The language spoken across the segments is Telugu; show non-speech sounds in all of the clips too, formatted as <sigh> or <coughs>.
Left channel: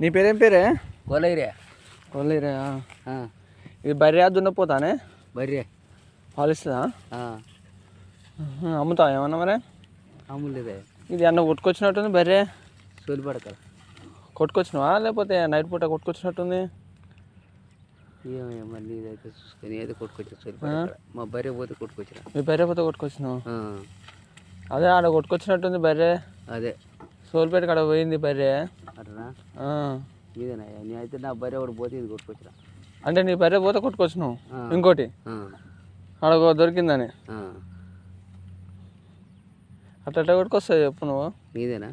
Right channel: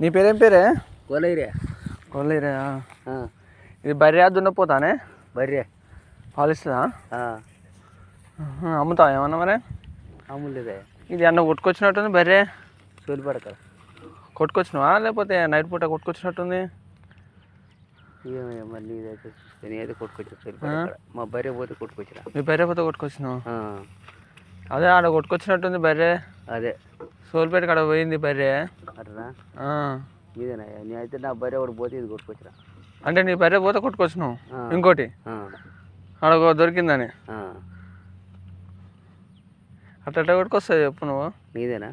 నీ పేరేం పేరే? కొలైరే కొల్లేరే ఇది బర్రె దున్నపోతానే? బర్రె. పాలు ఇస్తుందా అమ్ముతా ఏమన్నా మరి? మామూలుదే ఇది అన్న కొట్టుకొచ్చినట్టుంది బర్రె? సోలి పడక. కొట్టుకొచ్చినావా? లేకపోతే నైట్ పూట కొట్టుకొచ్చినట్టుంది? మళ్ళీ ఇదైతే చూసుకొని ఏదో కొట్టుకొచ్చా మా బర్రె పోతే కొట్టుకొచ్చిరా. మీ బర్రె పోతే కొట్టుకొచ్చినావు? అదే ఆడ కొట్టుకొచ్చినట్టుంది బర్రె. అదే. సోల్పేట కాడ పోయింది బర్రె. అట్లా ఆ. ఇదేనయ్యా నీ అయితే నా బర్రె ఒకటి పోతే ఇది కొట్టుకొచ్చిరా. అంటే నీ బర్రె పోతే కొట్టుకొచ్చినావు. ఇంకోటి? ఒక దొరికిందని. అట్లా ఎట్లా కొట్టుకొస్తావు చెప్పు నువ్వు. నీదేనా?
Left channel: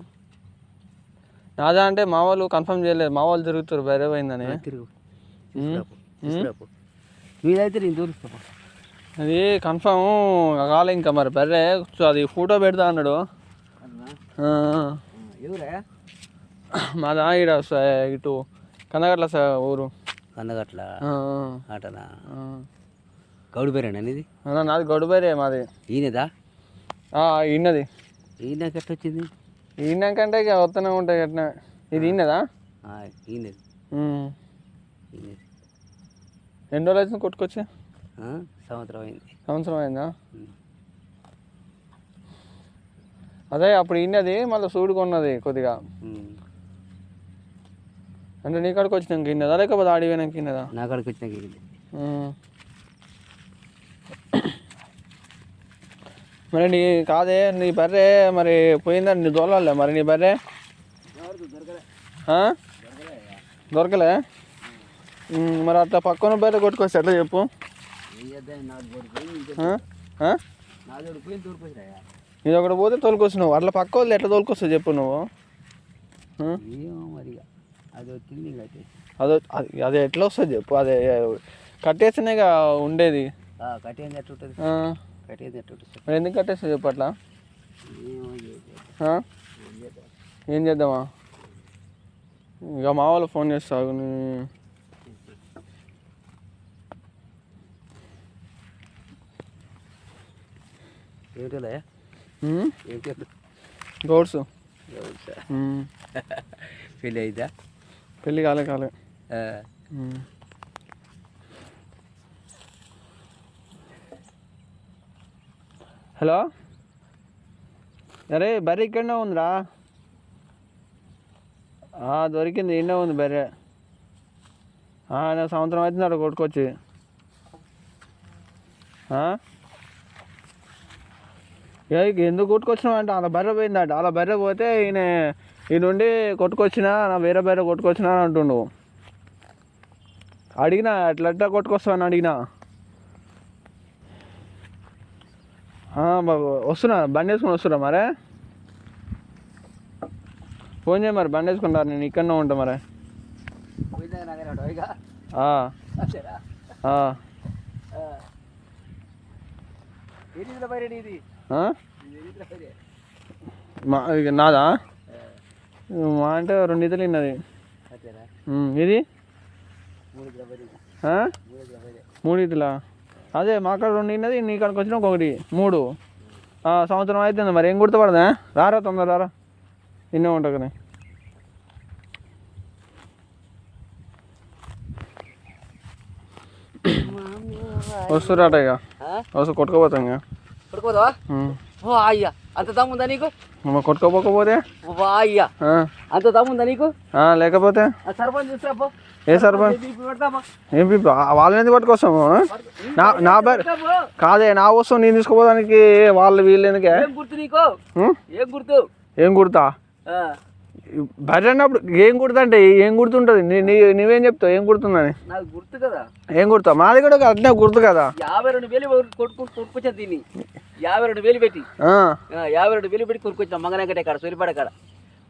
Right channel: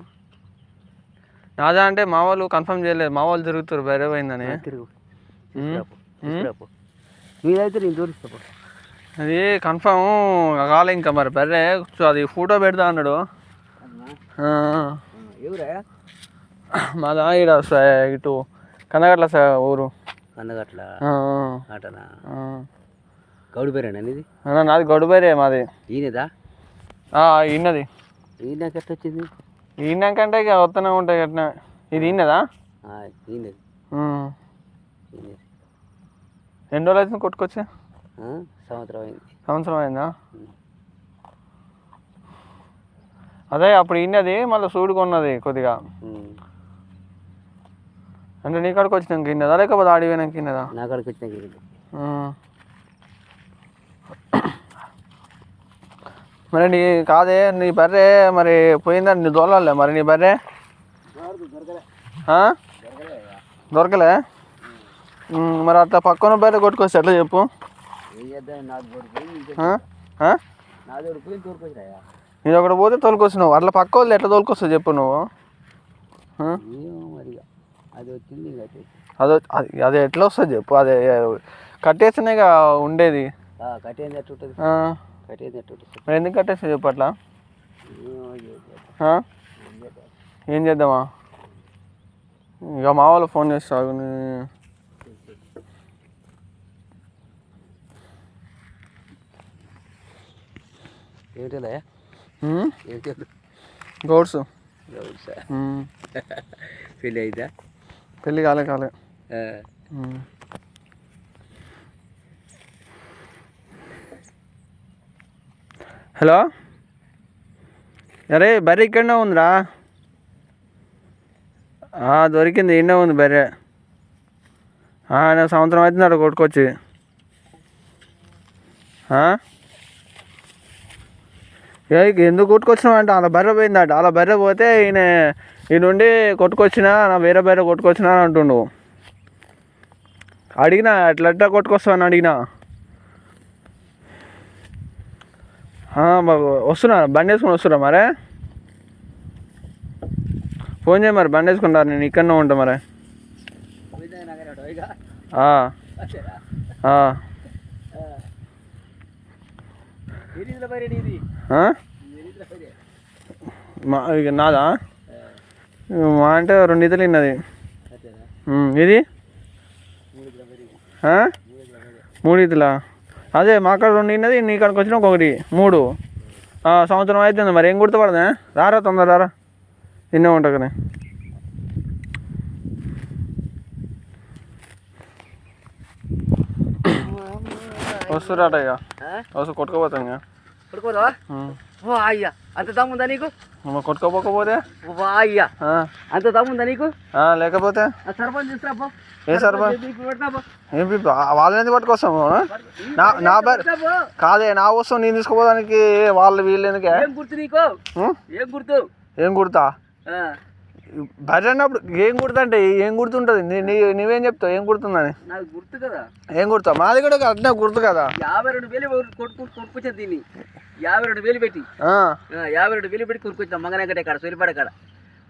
నాదా అంటే మా వాళ్ళు కన్ఫర్మ్ చేయలేదు. మా వాళ్ళు తిరుగుతారు బర్రె పోయిందని. తిరుగు. నేను దూరిస్తా అది కన్ఫర్మ్ కాలే ఇంకా మరి బర్రె. అది ఫోటో పెడతా అన్నాడు. మాదా ఈడ ఇటు కన్నగట్ల స- ఊరు. అందగట్ల ఆ, ఆటనా? ఆ. గౌడు బర్రెనా నీది? అన్న నాది గొడ్డు బర్రె మాది. ఈయనదా? ఆ, ఇన్నది ఈయన ఎట్లా వచ్చింది ఈయనకంటే ఇక వస్తూనే ఉంటాయి అట్లా ఇది ఈయనది. ఈయనది. ఎన్ని రోజులు అవుతుంది కొట్టుకొచ్చి సంవత్సరం అయింది. సంవత్సరం అయిందా. అదే అప్పుడు ఇన్నది మళ్ళీ సూడు కొన్నది కొద్దిగా. అంటే నీ కాడికి వచ్చినాక ఇన్నదా లేకపోతే ఆడి పోయినాక ఇన్నదా? నా కాడికి వచ్చినాక. మరి నీ కాదే నీ బర్రె మరి పోయిందని నీ దోలాలే మరి నీ బర్రె? దొరకలే. మరి అట్లా పక్కన బర్రె కొట్టుకొస్తే ఎట్లా చెప్పు? నేను ఒకటి పోతే తోలుకొచ్చినావు. అట్లా పక్క వాళ్ళు ఎట్లా తోలుకొస్తావు చెప్పు నువ్వు. అది వచ్చింది అదే అది ఎట్లా వస్తుంది చెప్పు? అదే కట్టేస్తేనేగా ఉండేది. మరి ఎందుకు కట్టేస్తా చెప్పు అట్లా? ఏం చేద్దాం. ఏం చేద్దామా? ఇక మా వాళ్ళు ఫోన్ చేస్తావు ఏమిటిలే ఏంటి గౌడ్స్. పెళ్ళి అయిద్దా పెళ్ళి కాలే కాలే. హలో? అరే బర్రె ఇక్కడనే ఉందిరా. దొరికింది ఇన్నే ఉంది బర్రె. సంవత్సరం అవుతుంది కొట్టుకొచ్చి. ఆ? ఏ ఎందుకు కొట్టుకొచ్చినావు అంటే అలా బర్రె పోయిందట. అలా బర్రె పోతే ఈయన ఈ నుండి కొట్టుకొచ్చినా నా వేరే బర్రె కొట్టుకొచ్చినా అని అంటుండు. అడిగినా ఎట్లట్లా ఎట్లా కొట్టుకొస్తావు అని అడిగినా. వస్తున్నా బండి వేసుకొని వస్తున్నా మరే. ఫోన్ చేయ మరి బండి వేసుకుంటారు నేను ఇక్కడనే ఉంటా మరే. ఆ, మా నాదా? మా అంటే రెండు ఇతలు? ఉమ్, ఇది? మూడు ఇతలా అదే మా కాడ రెండు ఇన్నది నీ కాడికి వచ్చిన ఒకటి. మూడు. సంవత్సరం అవుతుంది మరి ఏం గుర్తుపడదా? రారా తొందర రారా. ఇన్నే ఉంటా కదా. <coughs> వస్తురాట ఇక? వస్తు కొట్టుకోపోతాం ఇక. ఉమ్. ఓ అయ్యా. అంత దమ్ముందా నీకు? కొట్టుకోపోకపోతే? వా అయ్యా. ఆ, అంత దమ్ముందా నీకు? లేకపోతే? ఆ సర్పంచ్ తీసుకురాపో ఏ సర్పంచ్? ఏం? వాళ్ళని ఎందుకు పట్టుకొస్తాము? నా నా బర్ కాదే నా వస్తువు నేను తీసుకుపోవడానికి వాళ్ళు వీళ్ళు ఎందుకే? ఏం గుర్తు నీకు? ఏం గుర్తు? ఏం గుర్తా? బర్రె అన్నప్పుడు ఏం గుర్తుంటే ఏం గుర్తుంటుంది నువ్వేం చెప్తావు? ఏం గుర్తుందని? నాకు గుర్తు కదా. ఏం గుర్తావు? మాది కూడా అట్నే గుర్తు కదా. యాభై రెండు వేలు కొట్టుకు కొట్టుకొచ్చాను దీన్ని. యాభై రెండు వేలు పెట్టి. యాభై రెండు వేలు పెట్టి కొనుక్కొచ్చాం మంగనగట్టే కాడ సోలిపాట కాడ.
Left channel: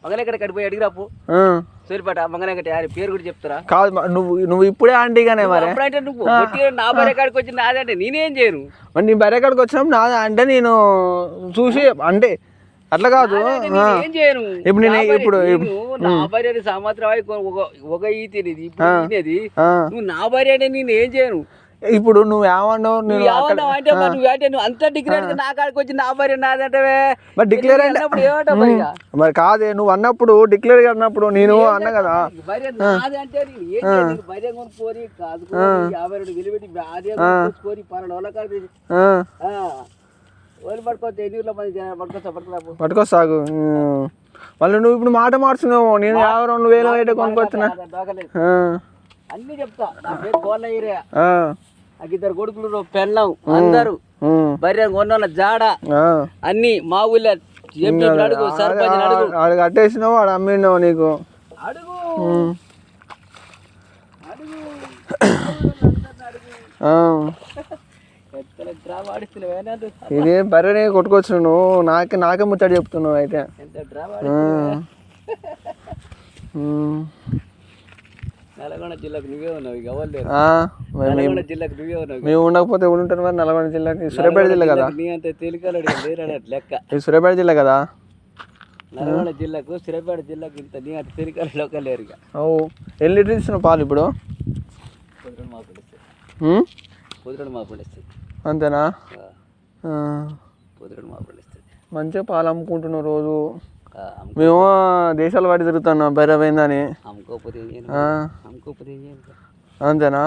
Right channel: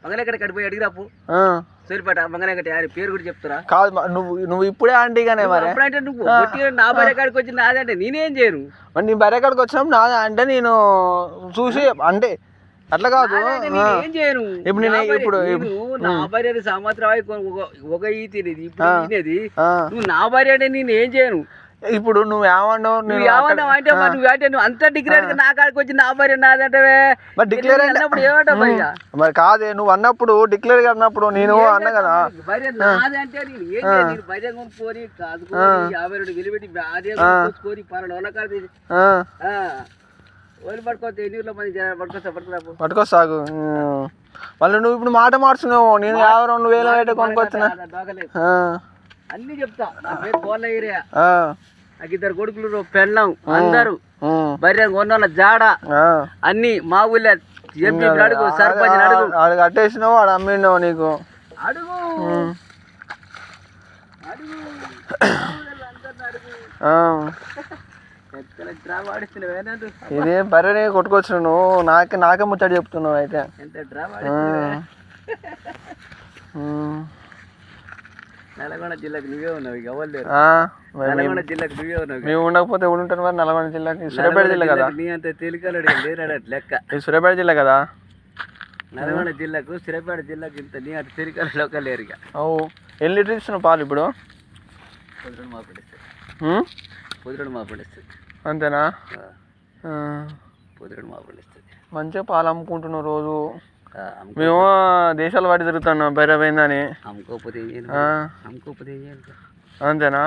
మంగనగట్ట కాడ పోయి అడిగిరాపు. ఆ. సోలిపాట మంగనగట్టే ఆయన పేరు కూడా చెప్తారా. కాదు నువ్వు నువ్వు ఇప్పుడే ఆంటీగానే మరి. అప్పుడంటే నువ్వు కొట్టిగా నా భార్య కాడికి వచ్చి నాదంటే నేనేం చేయను? మరి నీ బర్రె కాడికి వచ్చినప్పుడు నా అంటే నేను చూసి అంటే అట్లా కాదు. ఏం చేయను? ఇప్పుడు నేను నా భార్య- ఇప్పుడు- నా భార్య సంవత్సరం ఒక ఒక ఈ తినేది ఇప్పుడు ఈనేది ఆ, నువ్వు నా భార్య అంటే నేను ఏం చేయను? ఇప్పుడు నువ్వు ఏమన్నావు? నువ్వు నేను ఏమన్నా అంటే మరి నువ్వు అంటే నువ్వు అంత డిగ్రేడ్ నా కాడికి వచ్చి నా భార్య నాదంటే మరి అంటే- అన్నప్పుడు ఏమంటావు మరి కాదే నువ్వు అన్నప్పుడు డిక్లేర్ అన్నప్పుడు నేను అన్నా కదా? భార్య నాది అంటే నేను ఏం చేయాలి? నేను భార్య కొనుక్కొని కాదుకొని యాభై రెండు విలువెట్టి భార్య కొనుక్కొని పన్నెండు వందల కాడ తీసి ఆ, ఓలి పట్టుకోతే ఎన్ని ఊర్లో మంది జనాలు పట్టుకొస్తా పట్టుకురాపు పట్టుకో సాగు ఉమ్. మళ్ళీ నువ్వు ఇప్పుడు మాట మార్చున్నావు. నేను యాభై రెండు వేలు అయితే ఆ, అన్ని చెప్తా. నా పేరు కోళ్ళ ఏరియా నాకు ఇద్దరు కొడుకులు పెళ్ళం. అందరూ. భార్య కొన్న జాడ. అన్ని మా ఊళ్ళో. ఎంపీ అడుగు సర్పంచ్ అడుగు. ఆడు కట్టేసినావు వాడు అమ్మినావు నీకు. అడుగు. అడుగు. అడుగు. ఇదే బర్రెని కొట్టుకొచ్చు నువ్వు నాకే నాకే ముచ్చట చెప్తున్నావు అయితే. ఎంత ఉమ్. నల్గొండ జిల్లాకు నువ్వే ఉన్నావు ఇక ఎవరు లేరు. నల్గొండ జిల్లాకు నువ్వే ఉన్నావు ఇక. మేము ఉండకపోతే ఉంటాను మరి నల్గొండ జిల్లాకి? సూర్యాపేట జిల్లా కదా? నీ అంత లెక్క. ఇది సూర్యాపేట జిల్లా కదా? నల్గొండ జిల్లాకు సిరపేట జిల్లాకు ఇంత నీ అంత తేలికలు లోక లేరు ఇక. ఓ ఎన్ని లీటర్లు ఇస్తున్నావు పాలు ఇప్పుడు? పొద్దున మా? పొద్దున మా పండిస్తుంది అంతేనా. పొద్దున మా పండిస్తుంది మంచిగా పాలు అమ్ముకుంటున్నావు రోజు. మేము దేశాల వాటి తిరుగుతున్నాం ఇక. అంతేనా.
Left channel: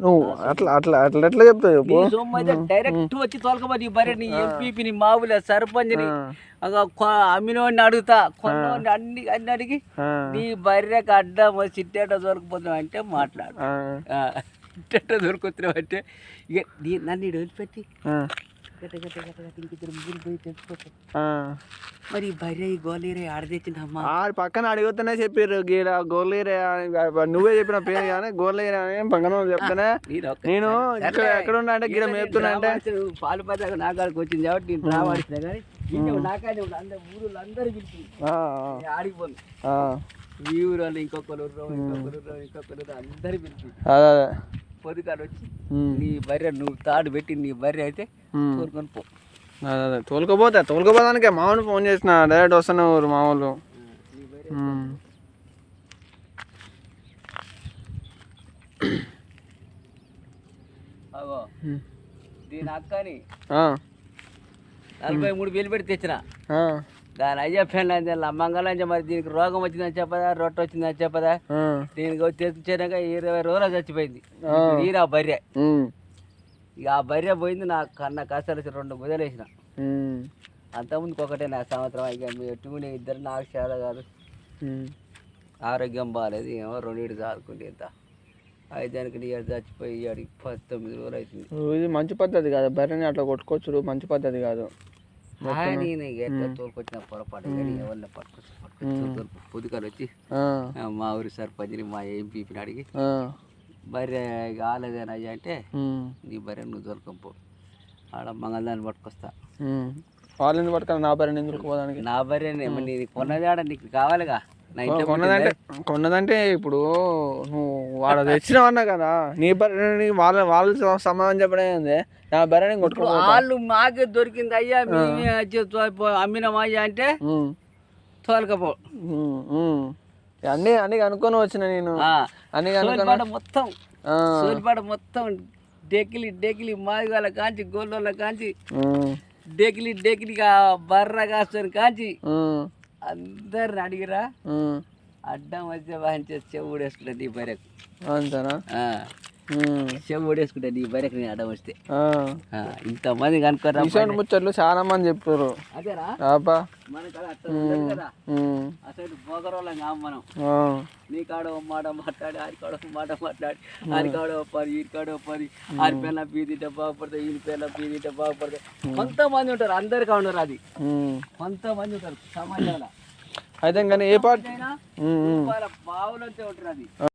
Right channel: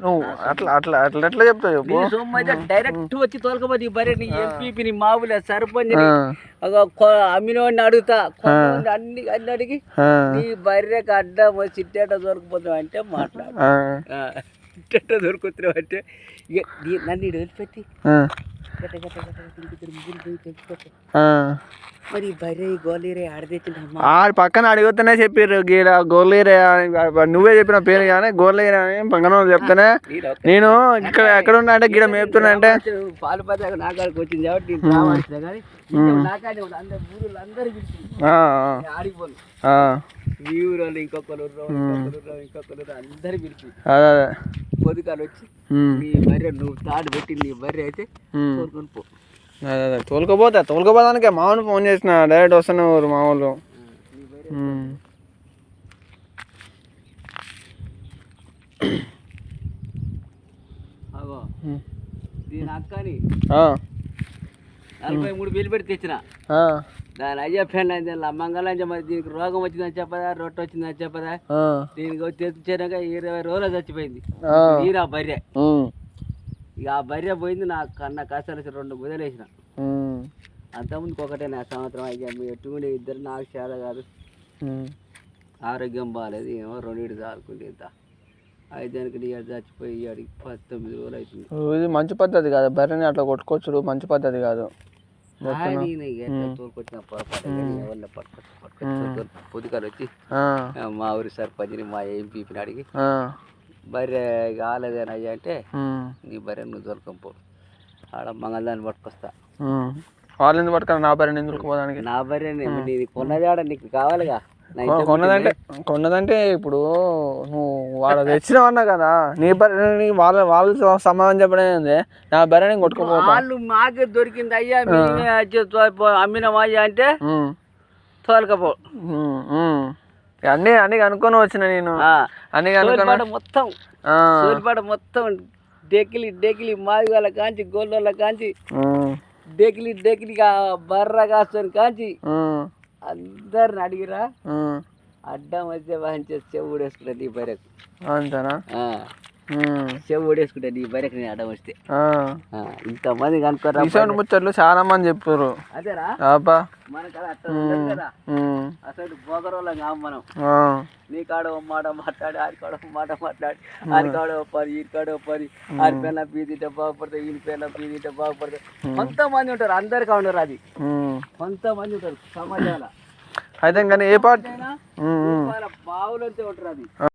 నువ్వు అట్లా అట్లా అట్లా ఎట్లా చెప్తావు చెప్పు. నీ సొమ్ము అయితే డైరెక్ట్ వచ్చి తోలకపోతే బరే నీ ఎంపీపీ నీ మావులే సర్పంచ్ ఆ. అమ్మినోడిని అడుగుతా. అన్ని అన్ని అడిగి. నీ బర్రెకి అడ్డం చిట్టేట దొరికిపోతున్నావు అంటే మాట్లాడు. చిట్టేట దొరుకుతున్నావు అంటే నన్ను వదిలిపెట్టి. ఇంకొకరు. మరి బర్రె గోలీరే ఆడదెచ్చింది అమ్మ ఆడ పక్కన అడిగితేనే చెప్పారు గీడ గోర్లేరే నువ్వే చెప్పిన పేరు కానీ గోర్లేరే అని పక్కన వాళ్ళు చెప్తేనే నేను ఇక్కడ ఎక్కడ ఉన్నా అంటే గీడ మేపుతున్నా అంటే పాలు పదాక నా కాడికి వచ్చింది కాబట్టి నేను రావాల్సిందే కానీ నాకాడే. అందరు ఊరు అందరూ పిలిచింది ఆడిపోను ఈ ఇంకొకరు ఊర్లో, ఇంకొకరు ఇంకొకరు ఊర్లో అందరు పిలిచి పొద్దుకాలు వచ్చి నీ బర్రె నువ్వు తాడు పెట్టి నీ బర్రె అయితే. కోరుకొని పో. అదే తోలుకపోతా తోలుకపోదానికే మామూలు ఫోన్ చేసిన డైరెక్ట్ వస్తున్నారు మా వాళ్ళు ఆ, నీ బర్రె ఉమ్. అగో ఉమ్. దీని అక్కని నలభై మూడు వేలు పెట్టి తెచ్చిన. ఆ, దాని అయ్యా ఫ్యాన్ మంగళంజ మరి దీనికి రోగం వచ్చిందని చెప్పదా? రొట్టె వచ్చిందని చెప్పదా? ఆ, దీనికి వచ్చి తెచ్చినాక ఇరవై రోజులు చచ్చిపోయింది. ఆ. నీరా బర్రె. ఉమ్, ఇక ఆ బర్రె పోయింది నా కన్న కష్టాలు రెండు గుదలేసిన ఉమ్, అంతకుముందుకు ఒకటే నా సంవత్సరం. ఇక మీ ఎట్టుకునే ఇద్దరు నాకు చేత కాదు. ఆరోగ్యం బాగాలేదు ఏమో రెండింటి చాలుకుంటే ఇంత. ఐదానికి నీ చచ్చిపోయి అడిగి పంతొమ్మిది రోజులు అవుతుంది. మంచి పద్ధతి కాదు. బర్రెని అట్లా కొట్టుకోవచ్చు మంచి పద్ధతి కాదు. నేను పొద్దుకాలు వచ్చి మా ఊరి సర్పంచ్ని మా ఎంపీని అడిగి బర్రె కాలేదేనయ్యా అంటే నీ బర్రె నువ్వు దొరకంపో ఆడ మంగళదాన్ని పట్టుకొస్తా. ఉమ్. వాళ్ళు ఎందుకు పట్టుకొని నా బర్రెని ఎందుకు పోదానికి నా బర్రె నీది కొన్నదాడ నీకు కావాలిగా? కొన్నదంటే కొన్నదంటే ఇప్పుడు నువ్వు వాడు తెచ్చినావు అన్నా కదా నీ బర్రెని వాళ్ళ వాళ్ళు సమాధానం చెప్పడం ఏంది? నా బర్రెని కొట్టుకోపో వాళ్ళు మాకు దొరికింది అయ్యా మేమే వచ్చి తో- అమ్మినాం అయ్యా అంటే తోలకపో. అన్నీ అన్నీ కనుక్కొని వచ్చిన నేను. అన్నీ కనుక్కొని మొత్తం. ఆ, సోలిపాడ మొత్తం డెకిలి డెకిలి మాది వాళ్ళ కాంచి గోళ్ళ కాంచి డెకిలి డెకిలిగా బర్ర కాసుకొని కాంచి అందరిని అడిగిరా. అడ్డం వచ్చే వాయించే చెవు ఊడేసుకుంటా నీ బర్రెకు అంతేనా? చెవు ఊడేసుకుంటా నీ బర్రెకు నేను అడ్డం వస్తే. ఆ, ఇంతమంది కనుక్కోరా ఇటువంటి ముచ్చట్లు చాలా మంది చెప్పారు. అదేరా? అబ్బా మన కాడ కదా. అసలు బోగరోళ్ళం కాం మనం. నీ కాడ ఓ మాట మాట్లాడి ఆడి కాడ ఓ మాట మాట్లాడి ఆడి కాడ ఓ పని ఈ కాడ ఓ పని. ఆడి పిల్ల పీదింటే బాగుపడతాయి ఈ పిల్ల పీదింటే బాగుపడతాయి. కొంతమంది ఉంటారు అందరికీ ఉండరు అది. కొంతమంది ఉంటారు సమాజాల. అయితే కానీ ఏ పార్టీ. బావులంటే ఉంటారు అది.